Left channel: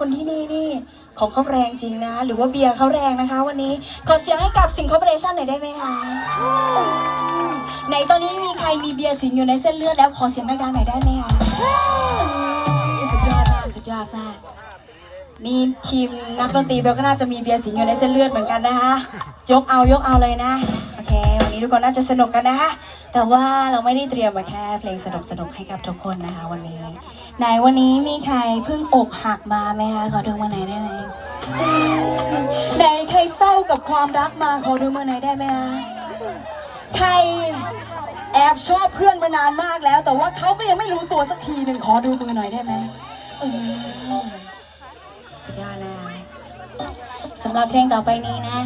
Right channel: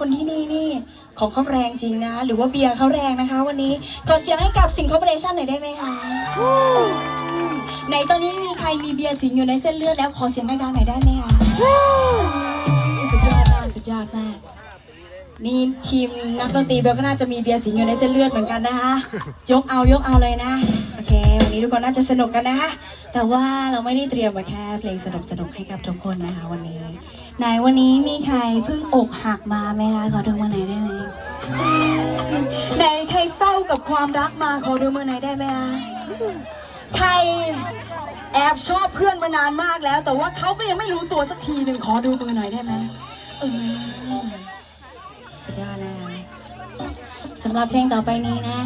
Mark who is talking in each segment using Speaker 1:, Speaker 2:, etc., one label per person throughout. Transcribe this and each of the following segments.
Speaker 1: คนที่นี่นี่ของเขาแรงจริงนะ หรือว่าเบียร์เขาแรงนะคะ วันนี้ขอเสียงให้กับสิงคอร์ปอเรชั่นหน่อยได้ไหมคะในตอนนี้มีใครมีเบียร์สิงอยู่ในเส้นเลือดแล้วขอเสียงดังๆหน่อยได้ไหมคะสุดยอดมากสุดยอดมากนี่ทีมนักดนตรีเบลก็น่าจะมีเบียร์สิงอยู่ในเส้นเลือดเหมือนกันนะคะยกเอายกเอาเลยนะ ทุกคนน่าจะสนุกกันนะคะแต่ว่าเราไม่ได้เตรียมมาแค่เพลงสนุกสนุกๆให้กับทุกคนนะคะ วันนี้ไหนวันนี้มีใครเพิ่งอกหักมาไหมคะขอดูมาไหนได้ไหมไหนใครเศร้ากับความรักมาขอดูมาไหนได้ไหมคะใครแอบชอบเพื่อนมานานมากแล้ว แต่ว่าเขาก็ยังไม่รู้ตัวสักทีหนึ่งขอดูมือหน่อยได้ไหมอืมสุดยอดนะสำหรับเพลงต่อไปนี้นะ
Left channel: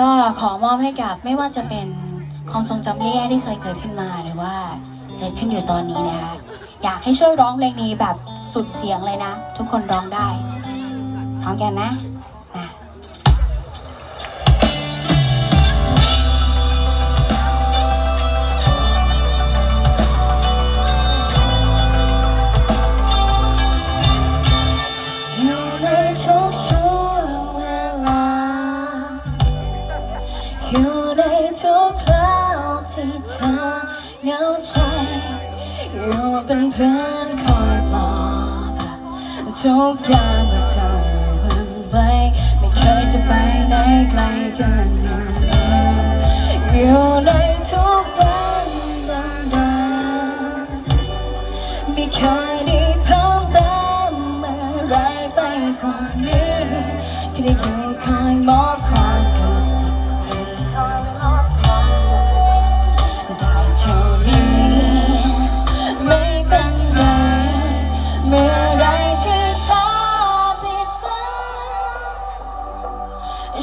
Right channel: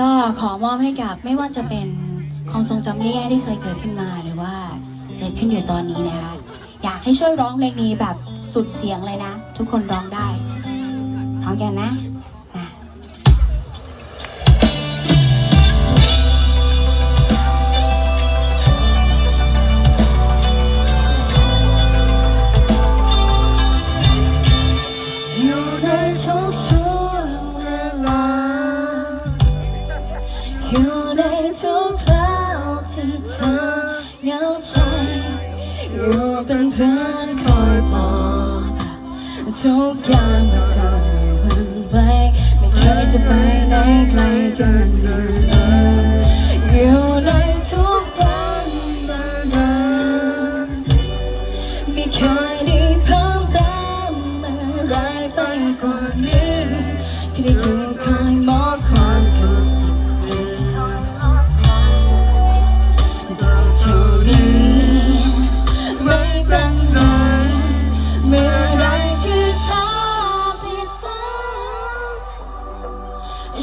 Speaker 1: ก็ขอมอบให้กับไม่ว่าจะเป็น ความทรงจำแย่ๆที่เคยเกิดขึ้นมาหรือว่าเกิดขึ้นอยู่ตอนนี้นะคะอยากให้ช่วยร้องเพลงนี้แบบสุดเสียงเลยนะ ทุกคนร้องได้พร้อมกันนะนะอยู่ในทุกช่วงเวลาอยู่ในทุกคราวที่ เธอเหงาใจอยู่เป็นเพื่อนคอยปลอบทุกอย่ามเมื่อเธอวันไหวไม่เคยจะไปไหนไกลกินอยู่เลยอยู่ในทุกวันดังๆไม่เคยได้เพิ่มเติมอะไรไปกว่านี้แค่ได้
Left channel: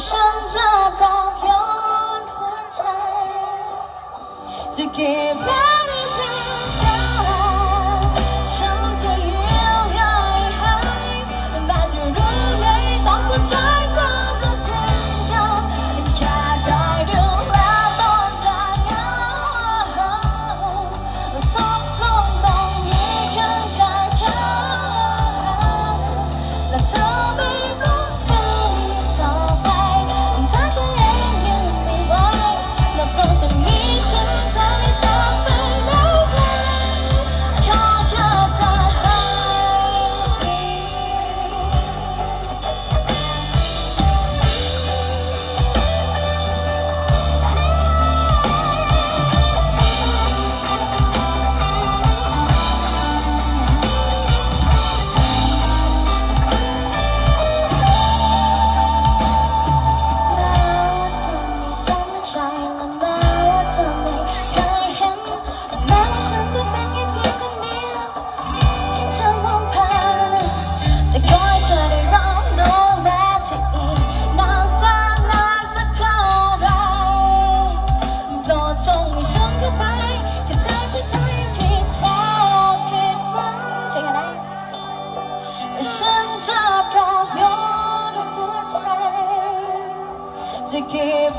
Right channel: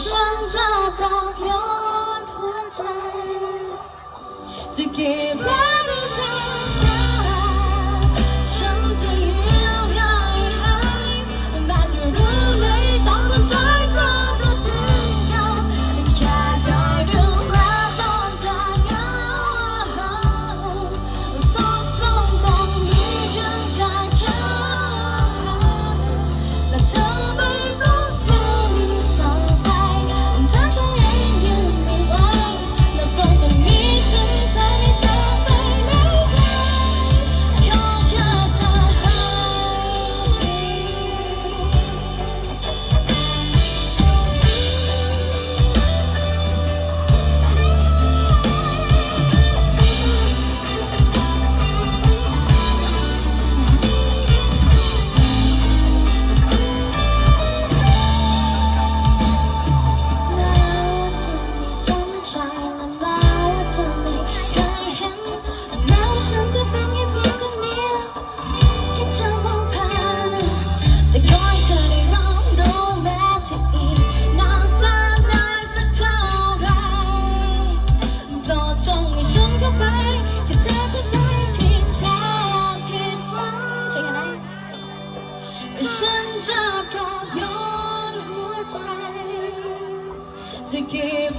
Speaker 1: ฉันจะปลอบโยนหัวใจ จะเก็บไว้ในใจเธอ ฉันจะปลอบโยนหัวใจจะเก็บ